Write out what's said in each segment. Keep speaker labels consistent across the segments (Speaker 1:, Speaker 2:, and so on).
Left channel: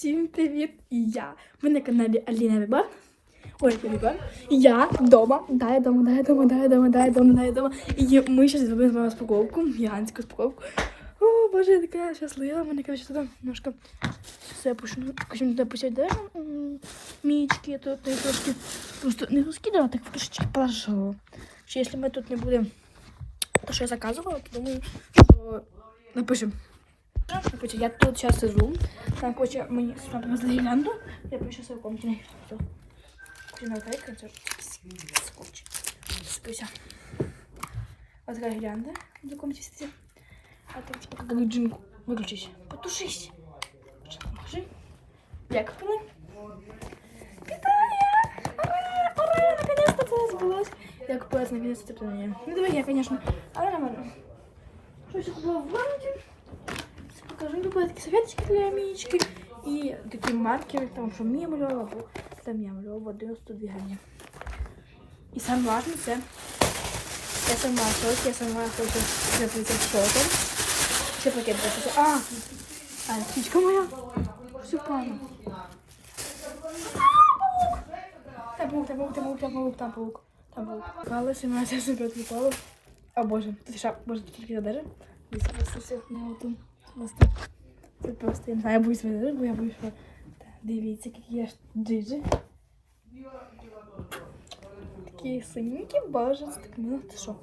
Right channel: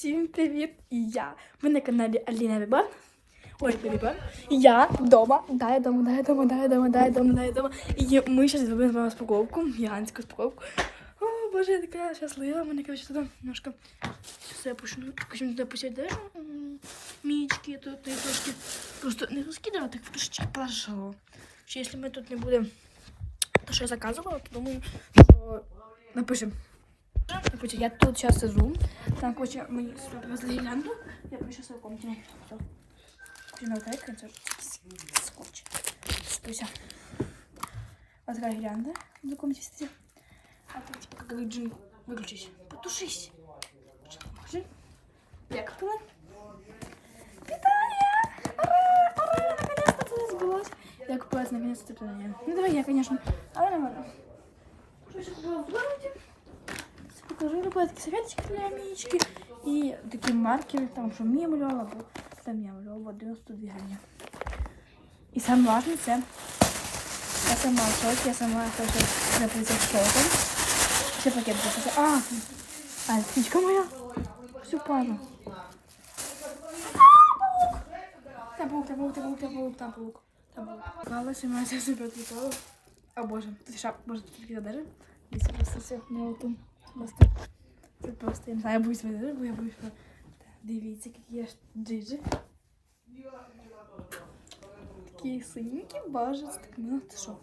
Speaker 1: Всім привіт! Я. Ви на каналі Аліна Рибар. Ой, Рибар. Я вдома. Да, я дома, да, я дома, да, я дома, да, я дома, да, я дома. І ми зараз зробимо розпаковку, гігантську розпаковку. О, боже, я така щаслива. Мене, короче, туди немножко все пущено. Потім туди даже мічки, і трошки просто не розкидала, так трошечки положила. Що якщо ми тут не будемо, то що я заказувала, то думаю, що напишемо. Короче, я тут сейчас сижу. Там, короче, мені сюди привезли гірлянду. Я пишу свою комнату. Все. Куди кайка, це скотч. Спися. Вот такая гирлянда в комнате стоит. А ты типа как бы джинку. Выключись. Потушись. Что, поможи. Як впили? Вітаю! Ура! Ура! Наконец-то це збулось. Я купилась наконец-то признання. Ну давай я, конечно. Але нормально. Що я купила в городе? Покажу купила такі серветочки для Мічки і такі маркери, там що Мія малювала, там я малювала 92 гривні. І саме важне це я сама в я сама хочу запити шоком. Це пакет запити. А, а, птичка моя. Все падає. Там паук, там паук, там паук, там паук, там паук, там паук. Мене це себе відлітало. А боже, ти шап, боже, ти тільки задержи. Десь просто все не просто, я боюсь видати, бо я боюсь, що... Дивіться, які я ж джиджи. Такі синенькі, це так мило. Це що?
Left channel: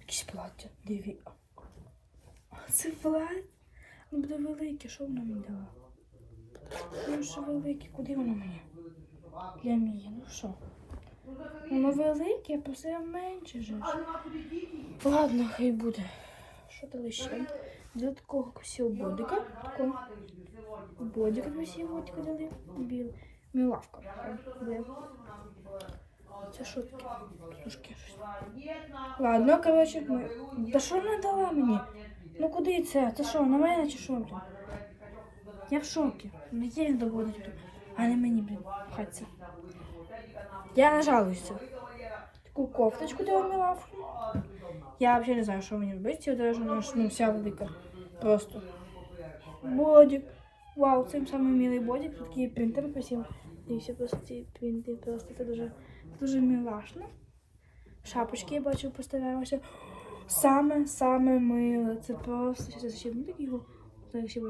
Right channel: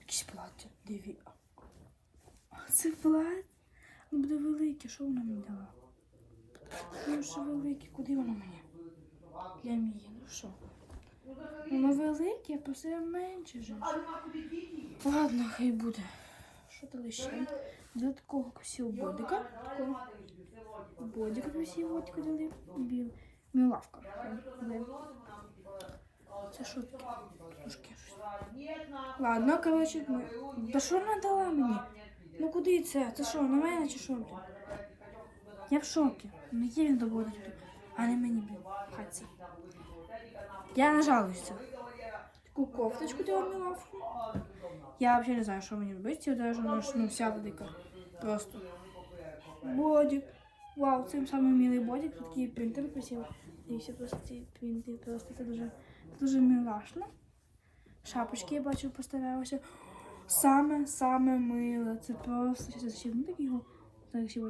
Speaker 1: Якісь плаття, диві. А, Це плаття? Воно буде велике, що вона мені дала? Ну що велике, куди воно мені? Для Мії, ну що? Воно велике, я просила менше ж. Ладно, хай буде. Що дали ще? До такого красивого бодика. Такого бодика красивого бодика дали. Біл. Мілавка. Де? Це що таке? Трошки щось. Ладно, коротше, ми... Да що вона дала мені? Ну куди це? Це що, на мене чи що? блін? Я в шокі. Ну є він доводить тут. А не мені, блін, хаться. Я нажалуюся. Таку кофточку дала мілавку. Я вообще не знаю, що мені робити. Я даже вона ж, ну, вся велика. Просто. Бодик. Вау, цим самий милий бодик. Тут такий принтер красивий. І все просто ці принти. Просто це дуже, дуже милашно. Шапочки я бачу поставилася. Саме, саме миле. Це просто. Сейчас я зачем такі його. Що?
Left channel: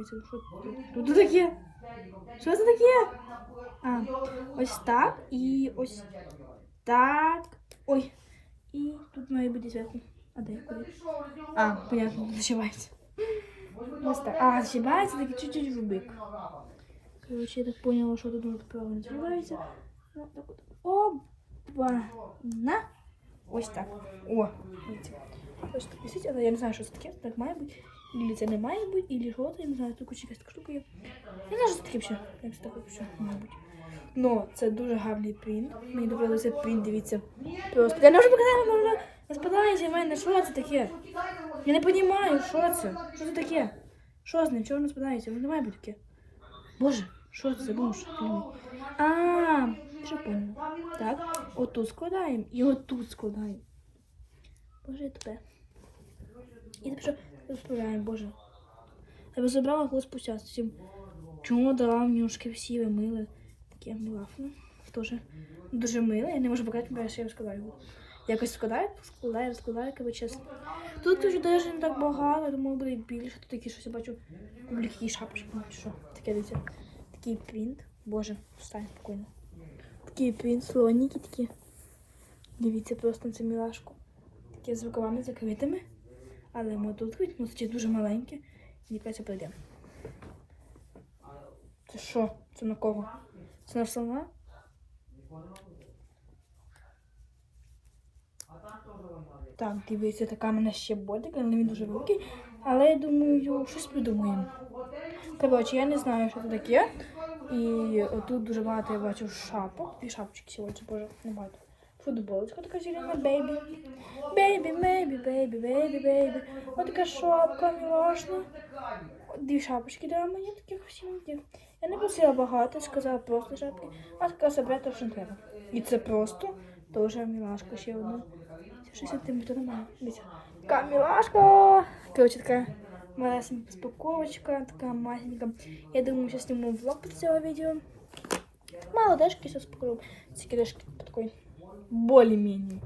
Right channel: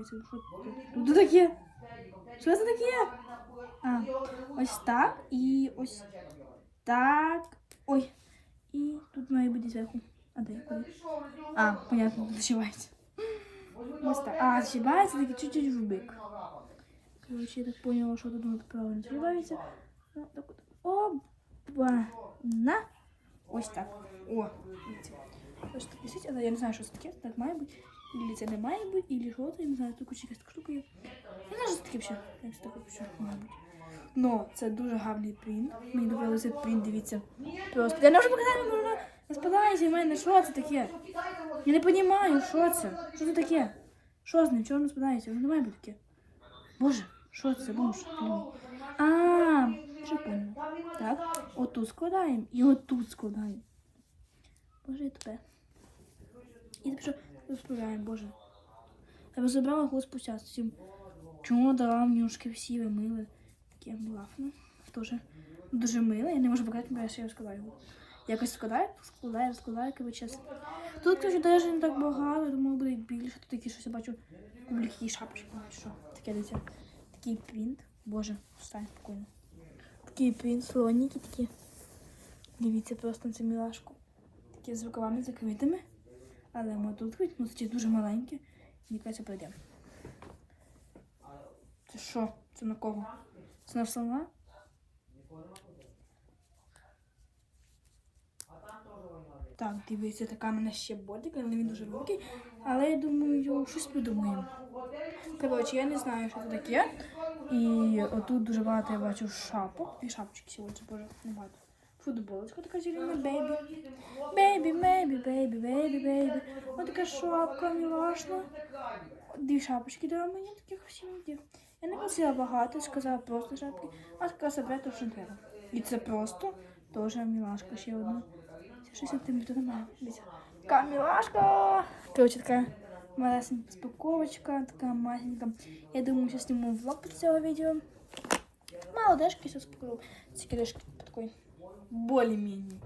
Speaker 1: Тут таке? Що це таке? А, ось так і ось так. Ой. І тут має бути зверху. А де куди? А, понятно, зашивається. Ось так. А, зашивається таки чуть-чуть в бик. Короче, я так поняла, що тут правильно зашивається. Ну, так от. Опа. На. Ось так. О. Ось так висить, але я не знаю, що це таке. Так має бути. Ілі це не має бути, ілі що це, я не знаю, тут куча якась така штука є. Я не знаю, що це таке взагалі. Як це таке взагалі має бути. Ну, це дуже гарний принт. Мені цей принт, дивіться. Просто. Я не можу показати, можна. Спадайте в мене, що це таке? Я не розумію, що це? Що це таке? Що з ним? Чого не спадається? Воно не має бути. Боже, що це? Блін. А, що поняла. Так, отут складаємо і отут складаємо. Боже, я тебе. І тепер розправляємо, боже. Я би забрала голос спустя цим. Чому дала мені ушки всі вимили? Таке милафно. Тоже дуже миле. Я не можу показати, бо я ще розкладаю. Якось складаю, складаю, складаю, коротше. Тут, кажу, теж не так багато, думаю, буде більше. Тут такі щось я бачу. Кублі які шапочки. ну, Що? Таке дивіться. Такий принт. Боже, встань спокійно. Такий принт, слоніки такі. Дивіться просто на цю мілашку. Такі з рукавами закритими. Але ми тут ну це дуже маленьке. Мені кажеться, пройде. Це що? Це на кого? Це на слона? Так, дивіться, така в мене ще бодик, але він дуже великий. Але я думаю, щось придумаємо. Коротше, я не знаю, що це таке. І отут дуже багато я бачу шапок. Дві шапочки сьогодні, боже, не багато. Футболочка така зелена, бейбі. Бейбі, бейбі, бейбі, бейбі, бейбі. Ось така шапка, мілашна. Дві шапочки дала мені таких красивеньких. Я не просила багато, сказала просто шапки. А така себе то, що треба. І це просто теж мілашка ще одна. Це 60 сантиметрів немає. Дивіться. Така мілашка. Короче, така малесенька спаковочка, така маленька. Я думаю, що зніму влог під цього відео. Мало дешки сейчас покажу. Ці кидешки такой более-менее.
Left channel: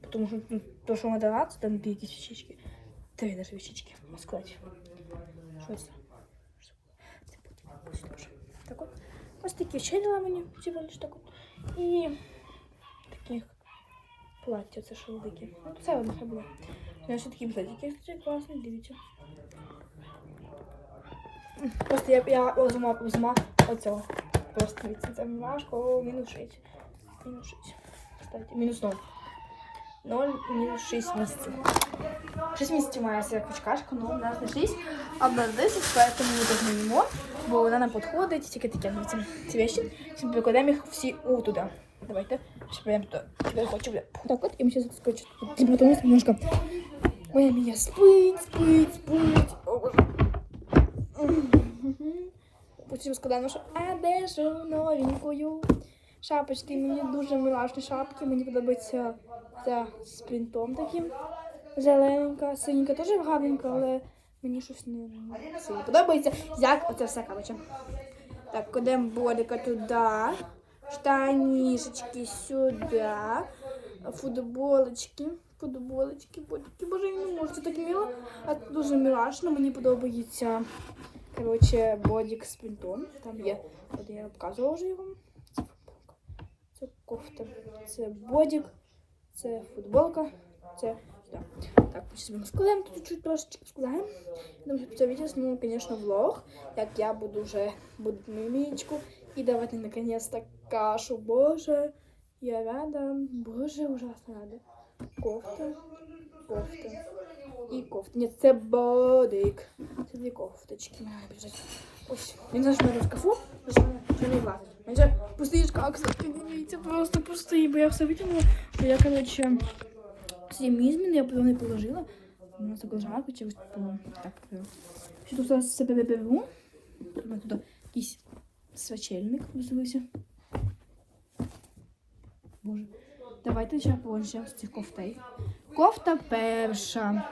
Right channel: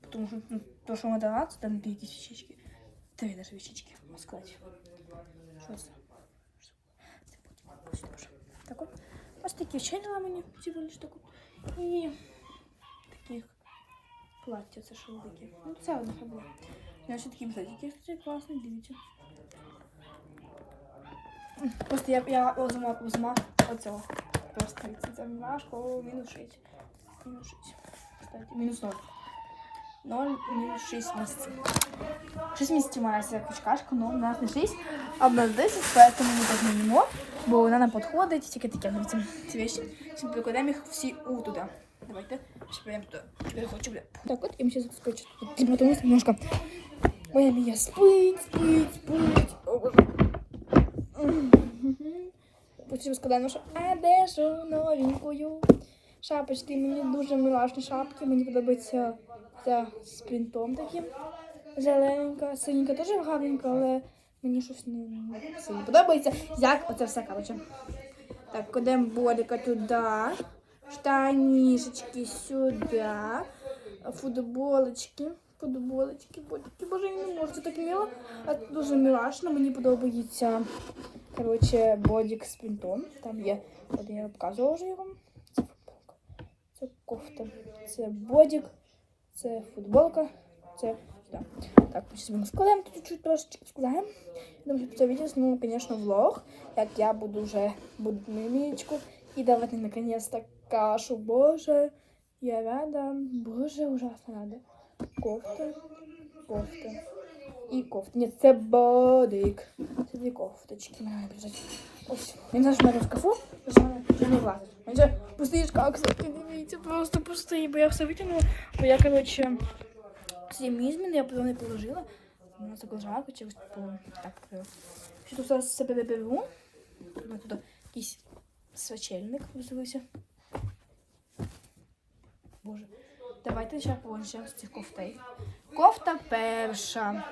Speaker 1: Потому что ну, то, що надо рад, там дві якісь вещички. Три даже вещички, можна сказати. Що це? Це потім, пусть дуже. Так от. Ось такі ще дала мені, всього лиш так от. І таких плаття, це що велике. Ну, це одна хай буде. Я ще такі бзадики, кстати, класні, дивіться. Просто я, я взяла, взяла оцього. Просто від там важко, мінус 6. Мінус 6. Кстати, мінус 0. 0, мінус 6 місяців. 6 місяців має ця качкашка, але у нас не 6, а в нас 10, поэтому ми так не їмо, бо вона нам підходить, тільки таке ну, ці, ці вещи. Щоб викладаємо їх всі у туди. Давайте, щоб я туди. Теперь хочу, бля. Так от, я сейчас скочу. Потому что немножко... Ой, Алия, спыть, спыть, спыть. О, боже. Потім складаю нашу одежу новенькую. Шапочки, мені дуже милашні шапки. Мені подобається ця з принтом таким. Зелененька, синенька теж гарненька, але мені щось не, не сильно подобається. Як оце все, коротше. Так, кладемо бодика туди. Штанишечки сюди. Футболочки. Футболочки, бодики. Боже, я не можу. Це так мило. А це дуже милашно. Мені подобається. Коротше, бодик з принтом. Там є, от я показувала вже його. Це кофта. Це бодик, це футболка, це сюди. Так, зараз ми складаємо тут чуть-чуть трошечки складаємо. Думаю, що це відео зніму, звісно, влог. Так, я буду вже буду мимічку. І давайте наконец-то кашу. Боже, я рада. Боже, ужасно рада. Кофта, кофта. І кофта. Ні, це бодик. Це дві кофточки. Мені біжать. Ось. Він зараз мене в шкафу. Вже не влазить. Він пустий шкаф, дивіться, просто пустий, бо я все витягнула. Бо я, коротше, всі мізміни я потім не положила. Вона так жарко, чи ось типу, так. е, Що тут зараз себе беру. Ось тут якийсь свячельник взуюся. Боже. Давайте ще положимо з цих кофтей. Кофта перша.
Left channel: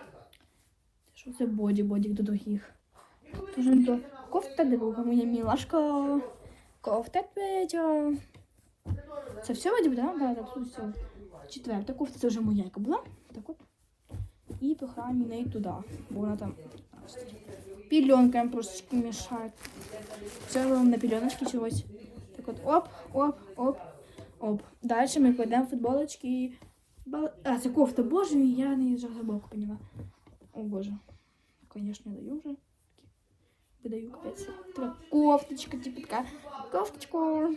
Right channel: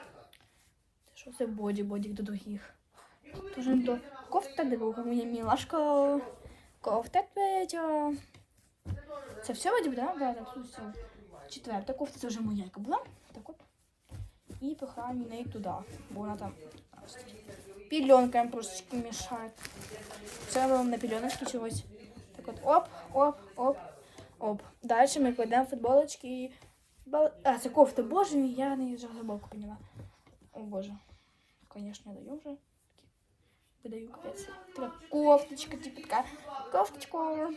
Speaker 1: Що це боді, бодік до других. Боже, то кофта друга, моя мілашка. Кофта третя. Це все бодік, да? Да, так, тут все. Четверта кофта, це вже моя яка була. Так от. І пихаємо неї туди, бо вона там пільонками просто мішає. Все робимо на пільоночки чогось. Так от оп, оп, оп, оп. Далі ми кладемо футболочки і... бал- А, це кофта, боже мій, я не вже глибоко поняла. О боже. Конечно, я даю вже. Видаю капець. Така кофточка, типу така. Кофточку.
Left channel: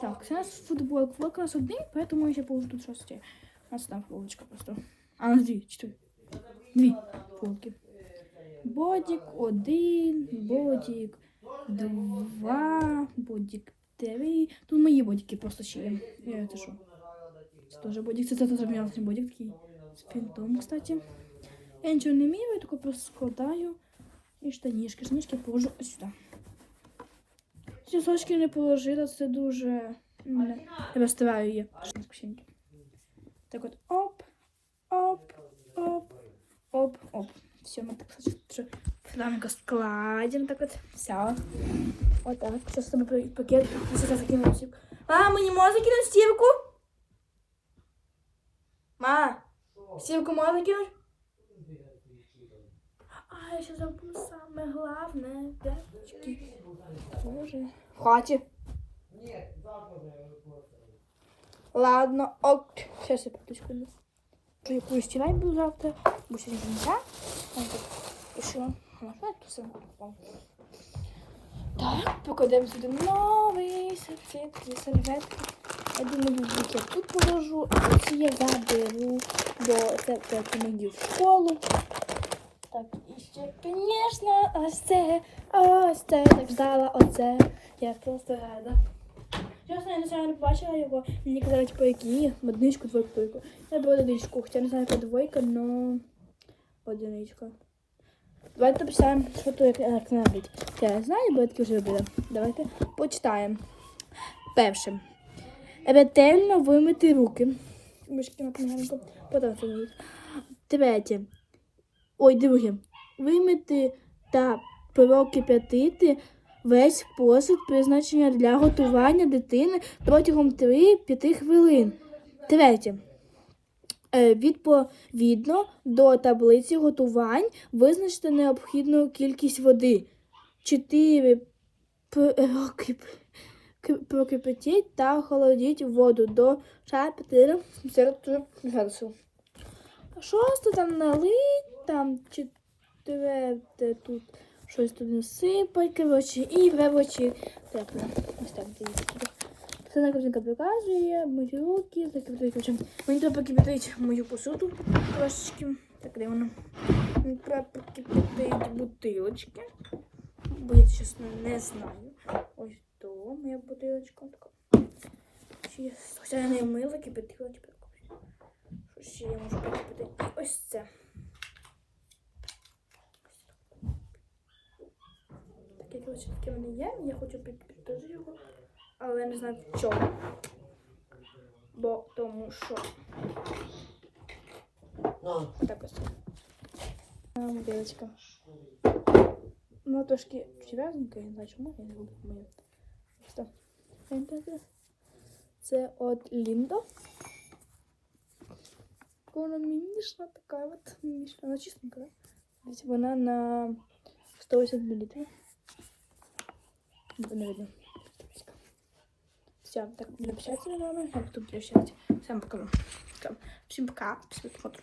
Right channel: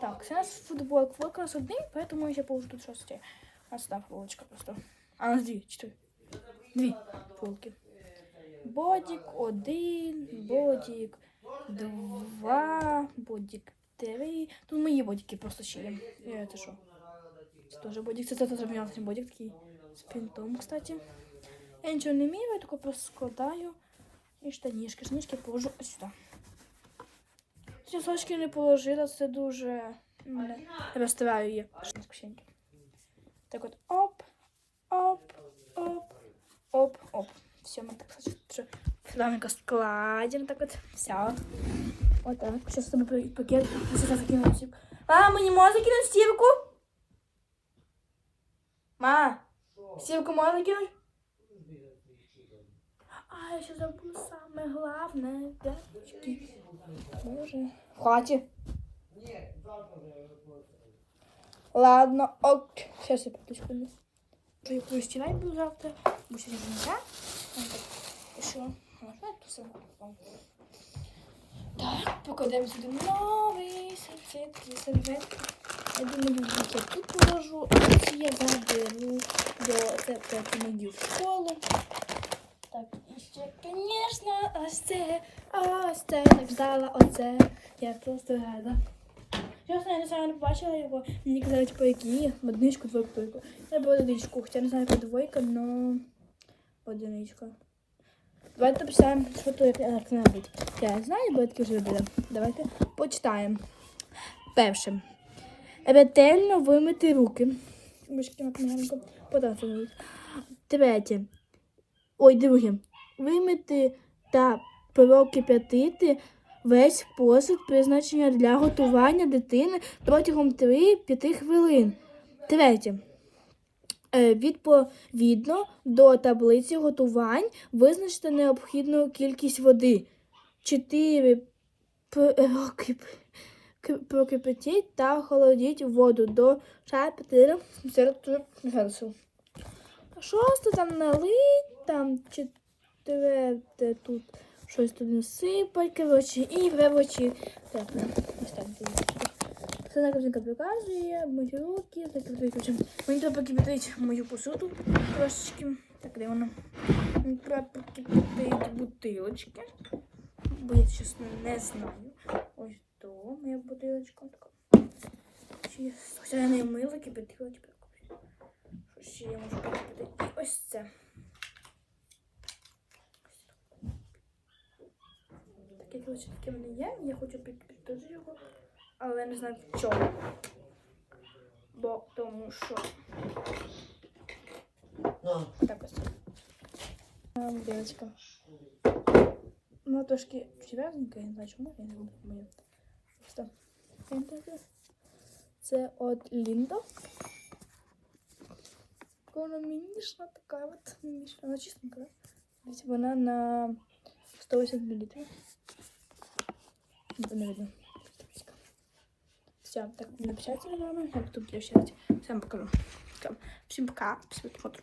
Speaker 1: Так, це у нас футболка. Футболка у нас один, поэтому я ще положу тут щось. ще. У нас там футболочка просто. А, у нас дві, чотири. Дві футболки. Бодік один, бодік два, бодік три. Тут мої бодіки просто ще є. Е, Це що? Це теж бодік. Це теж м'ясний бодік з принтом, кстати. Я нічого не вмію, я тільки просто складаю. І штанішки. Штанішки положу ось сюди. Ці сочки не положила, це дуже мене розстраює. Так от оп, оп, оп, оп, оп. Все, ми так плавненько складемо, так от. Все. Вот так. Сейчас тобой пакет. Закину стирку. А, мы не можем закинуть стирку? Ма, стирку можно закинуть? А, я сейчас забуду самое главное. Девочки. Боже. Хватит. Ладно, ок. Сейчас я пойду секунду. Я буду стирать буду завтра. Буду сегодня нельзя. Вот так. Пошла. Вот, все. Так, покладемо сюди новий сетки, серветки. Я думаю, букет тут положу, а ці я заберу до мені в школу. Так, і ще, звісно, ось це, ось це, так ждала, оце. Я просто рада. Чесно, я не знаю, не бачила його. Мені казали, типу, які одиничку, двойку, двойку. Я була одиничку, хоча не знаю, яка двойка, но одиничка. Давайте почитаємо, що тут як небудь. Я знаю, бо я таки вже робила. Давайте почитаємо. Перше. Ретельно вимити руки. Мишки на книганку. Потім Третє. Ой, друге. вимити та прокип'ятити весь посуд призначення для готування дитини протягом 3-5 хвилин. Третє. Е, Відповідно до таблиці готувань визначте необхідну кількість води. 4 прокипятіть та охолодіть воду до 4 градусів. Шосте там налить, там четверте тут щось тут насипать, коротше, і тепле. Ось так дивіться. Все на картинка показує, мої руки, так коротше. Мені треба покипятити мою посуду трошечки. Так, де вона? Мені треба покипятити бутилочки. Бо я чесно не знаю. Ось то моя бутилочка. Така. Ось я не мила, кипятила, тепер. Що ще я можу покипятити? Ось це. Таке, коротше, таке в мене є. Я хочу підпитати його, але я не знаю в чому. Бо тому що. Так ось. А, Бутилочка. Ну, трошки чвязненька, я не знаю чому, я не буду моє. Просто. Це от Ліндо. Вона мімішна така от мімішна. Вона чистенька, да? Вона на 180 мл. Не видно. Все, так, написать на вами. Я буду прощать. Всем пока. Всем пока. Всем пока.